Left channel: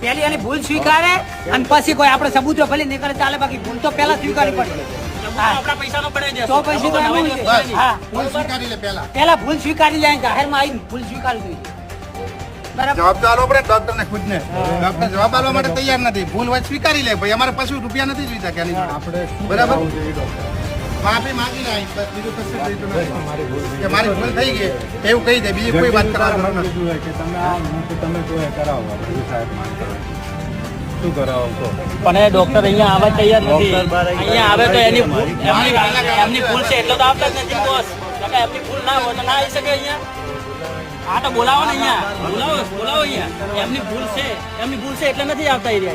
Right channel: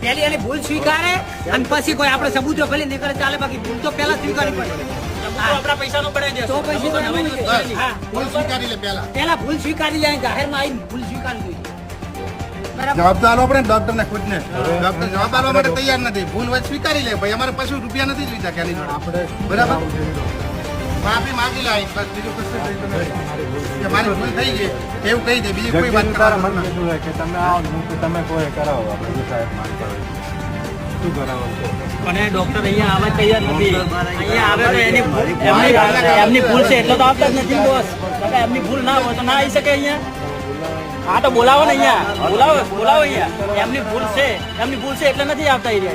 પેલી એની ભૂલ સ્વીકારે અને પછી કોઈ આપણે સબૂતો ભલે નહીં કરે ચાલે, બાકી ભૂલ તો પેલા સ્વીકારવી પડે. આપણા પૈસાનો પડે છે તો પછી ભૂલ સ્વીકારી લે પેલા ભૂલ સ્વીકારી લે, જાહેરમાં આવીને ભૂલ સ્વીકારવી જોઈએ. બરાબર. જવાબ તો આલો પડે ને ડોક્ટર ને ખુદ ને. ડોક્ટર જવાબ આપવા માટે તૈયાર નથી. ભૂલ હોય સ્વીકારી લે ભાઈ, અમારે પાછું રૂપિયા નથી જોઈતા કે આની જોડે. બરાબર, માફી માંગી લે, બસ બીજું કશું જોઈતું નથી. કે મારી ભૂલ થઈ ગઈ એવું કહી દે, બીજી કોઈ વાત કરવાનું નથી. કે તમે આવો તમે કોઈ કરાવો, આપણે સાહેબ માંગ કરો શું કરાવો તો પણ એ ડોક્ટર અહીંયા આવવા તૈયાર નથી. અહીંયા આવે તો એમની ભૂલ છે એટલે તો આવતા જ નથી બોસ. એમની ભૂલ ના હોય તો ના આવી શકે અહીંયા. હા તો બોલાવો ને અહીંયા, બોલાવો અહીંયા. એમની ભૂલ છે એટલે નથી આવતા.